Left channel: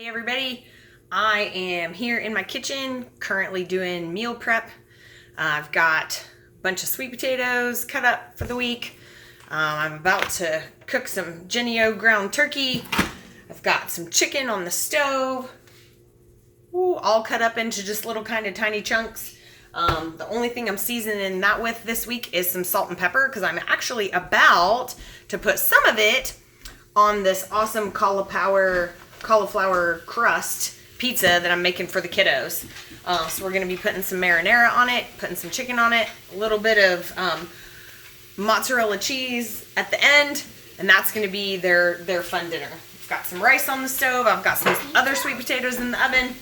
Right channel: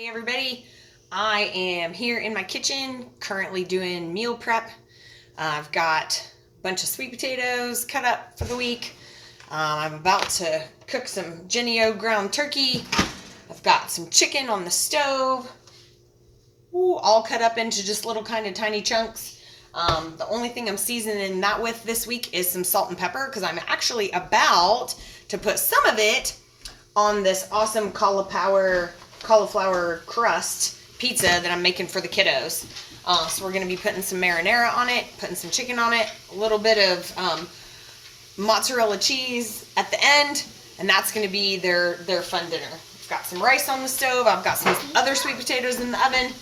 Hey everybody, I am here in my kitchen currently doing meal prep. I've got a bunch of sweet potatoes cut up for the week. I'm about to cook some Jennie-O ground turkey. I've got some chicken on the stove, all cut up into just little kind of tiny chunks. The only thing I'm seasoning that with this week is some salt and pepper because I'm actually about to put some of it on this awesome cauliflower crust pizza that I'm making for the kiddos. So we're going to be putting some marinara on it, putting some chicken on it, a little bit of mozzarella cheese at the end, and that's going to be their fun dinner. I've got some rice on the stove. I've got some other sweet potatoes in the oven.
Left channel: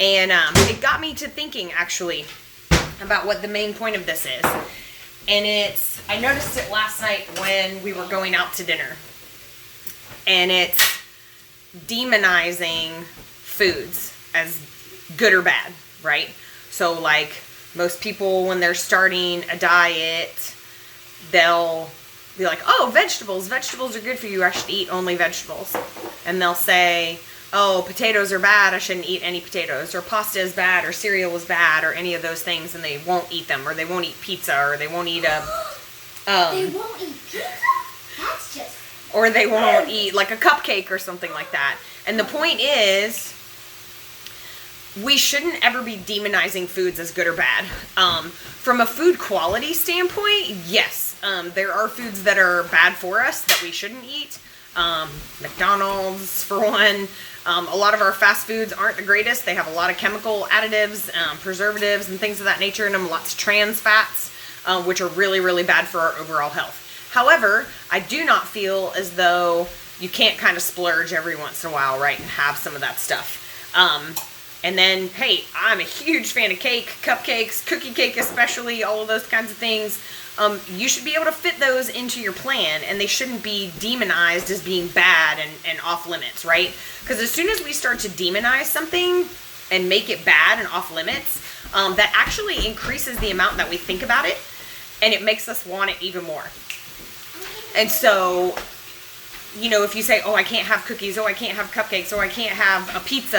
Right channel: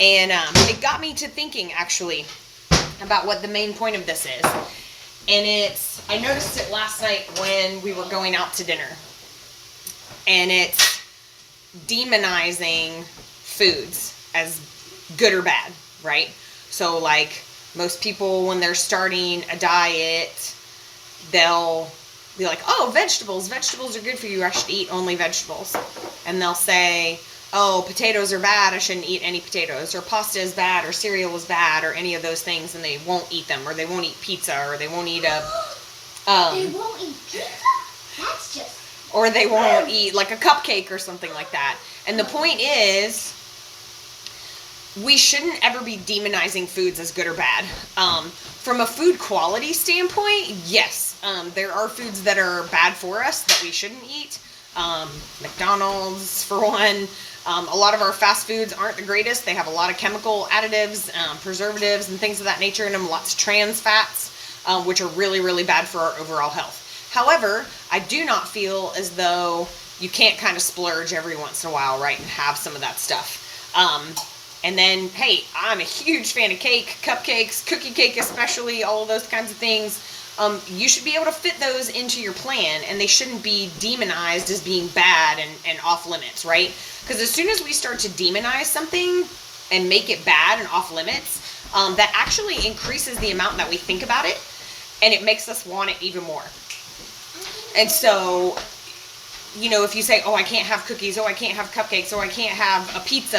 And it got me to thinking, actually, about what the main point of this is. And I noticed it last night when we were going out to dinner. And it's demonizing foods as good or bad, right? So like most people when they're starting a diet, they'll be like, oh, vegetables are good for you, I should eat only vegetables. And they'll say, oh, potatoes are bad, I shouldn't eat any potatoes, or pasta is bad, or cereal is bad, or any of those things, and they won't eat them, or they won't eat pizza, or they won't eat they won't eat pizza? That's just... Or they won't eat like a cupcake or something like that. And the point is, we shouldn't ever be demonizing foods as good or bad. From a food quality standpoint, yes, there are foods that are bad for us that we shouldn't eat. McDonald's, for one. A lot of our fast foods aren't the greatest. They have a lot of chemical additives, preservatives, and things of that nature in them. Lots of trans fats, which are really, really bad for our overall health. However, I do not feel as though you can't kind of splurge every once in a while, right, and have some of that stuff. And then, hey, I'm a huge fan of cake, cupcakes, cookie cake especially, all of those kinds of things. You should be able to fit those into your plan, and they shouldn't be demonized as being bad and off limits, right? Because as soon as we start to demonize something and make it bad and off limits, that actually increases the amount that we think about it, and it makes us want it even more. And so, you know, if you say, oh, I can't have cookies, oh, I can't have cupcakes, oh, I can't have a piece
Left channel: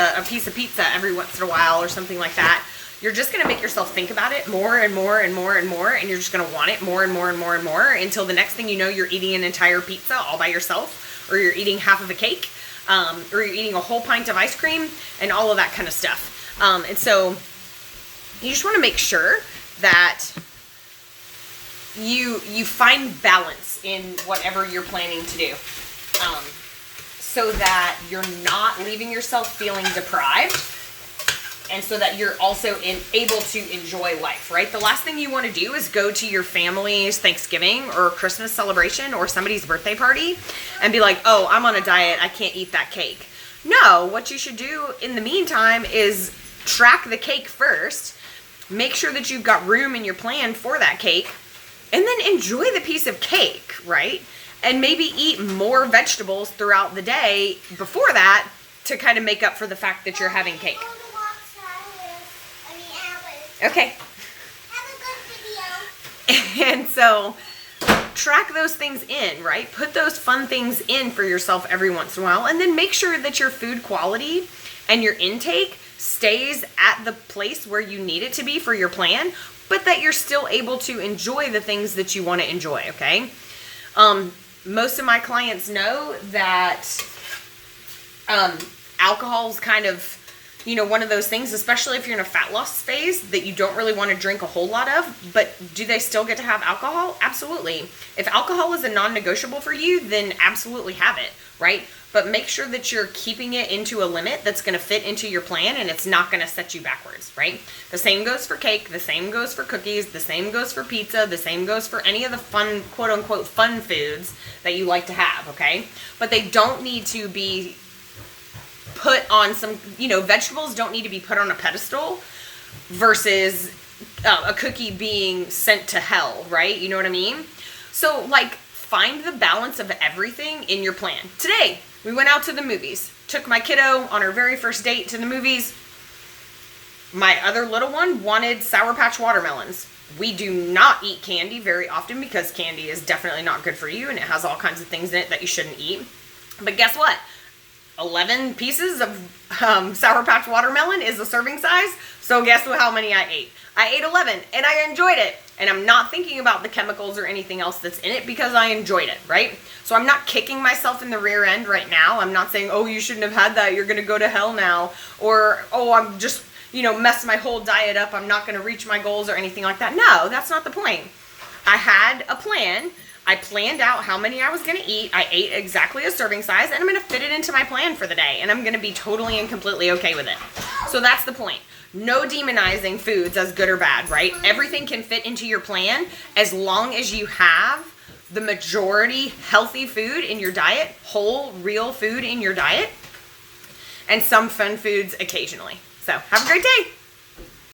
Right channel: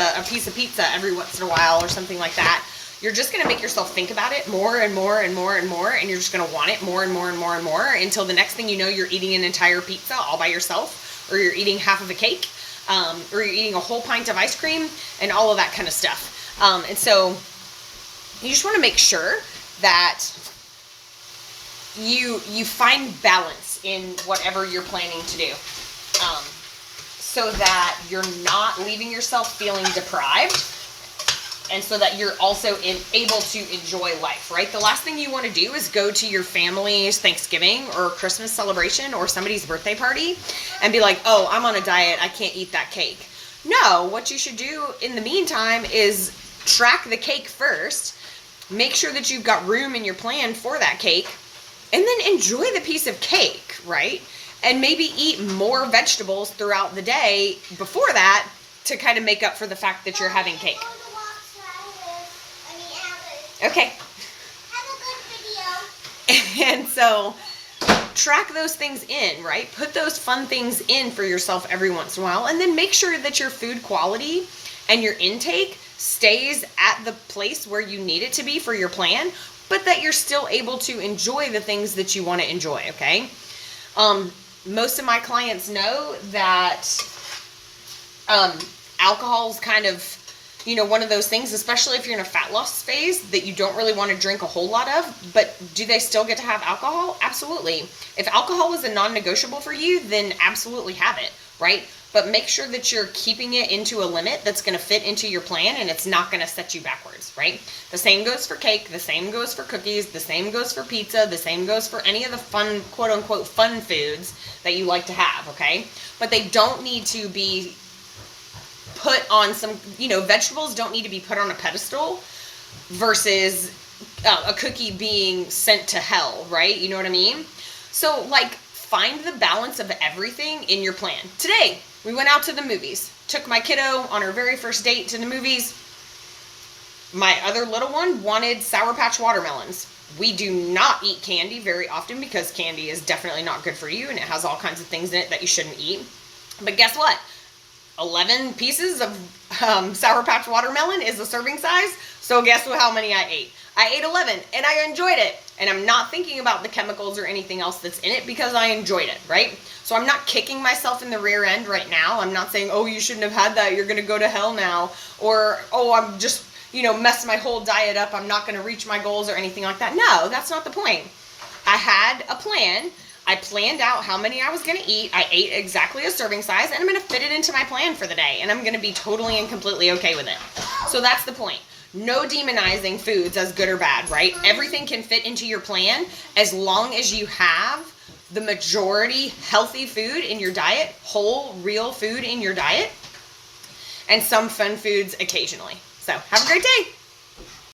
of pizza every once in a while or something like that, you're just going to make yourself think about it more and more and more and more, and you're just going to want it more and more and more and more until the next thing you know, you're eating an entire pizza all by yourself, or you're eating half of a cake, or you're eating a whole pint of ice cream, and all of that kind of stuff. And so you just want to make sure that you find balance in whatever you're planning to do, so that you're not leaving yourself feeling deprived, and so that you're also able to enjoy life, right? The last thing you want to do is go to your family's Thanksgiving or Christmas celebration or somebody's birthday party and be like, oh, I'm on a diet, I can't eat that cake. No, what you should do in the meantime is track the cake first, make sure that you've got room in your plan for that cake, and then enjoy the piece of cake, right? And maybe eat more vegetables throughout the day before that to kind of make up for the fact that you're having cake. Okay. Have a good video. And so track those things in, right? Put those fun things in for yourself every once in a while, and then make sure that your food quality and your intake stays at the place where you need it to be for your plan, but that you're still able to enjoy the things that you want to enjoy, okay? Most of my clients know that alcohol's kind of, you know, one of those things, especially if you're in a fat loss phase, that you don't really want to drink a whole lot of. But do they still get to have alcohol? Absolutely. If alcohol is a non-negotiable for you, then absolutely have it, right? But make sure that you're keeping it into a limit that's going to fit into your plan, and it's not going to set you backwards, right? The same goes for cake, the same goes for cookies, the same goes for pizza, the same goes for any of the fun, quote unquote, fun foods that you like to have, okay? But they don't need to be put on some, you know, vegetables don't need to be put on a pedestal versus a cookie being sent to hell, right? You know what I mean? So, like, find the balance of everything in your plan. Today, we went out to the movies. Took my kiddo on her very first date to the movies. My other little one wanted Sour Patch watermelons. We do not eat candy very often because candy is definitely not good for you, and it has all kinds of things in it that you shouldn't eat. But guess what? 11 pieces of Sour Patch watermelon is the serving size. So guess how many I ate? I ate 11 and I enjoyed it. And I'm not thinking about the chemicals or anything else that's in it because I enjoyed it, right? So I'm not kicking myself in the rear end right now. I'm not saying, oh, you shouldn't have had that. You're going to go to hell now. Or, oh, I'm just, messed my whole diet up. I'm not going to reach my goals or anything like that. No, that's not the point. I had a plan. I planned out how many I was going to eat. I ate exactly a serving size, and I'm going to fit it into my plan for the day. And I'm going to be totally and completely okay with it. So that's the point. No demonizing foods as good or bad, right? Everything can fit into your plan as long as you have the majority healthy food in your diet, whole, real food in your diet, and some fun foods occasionally. So have a great day.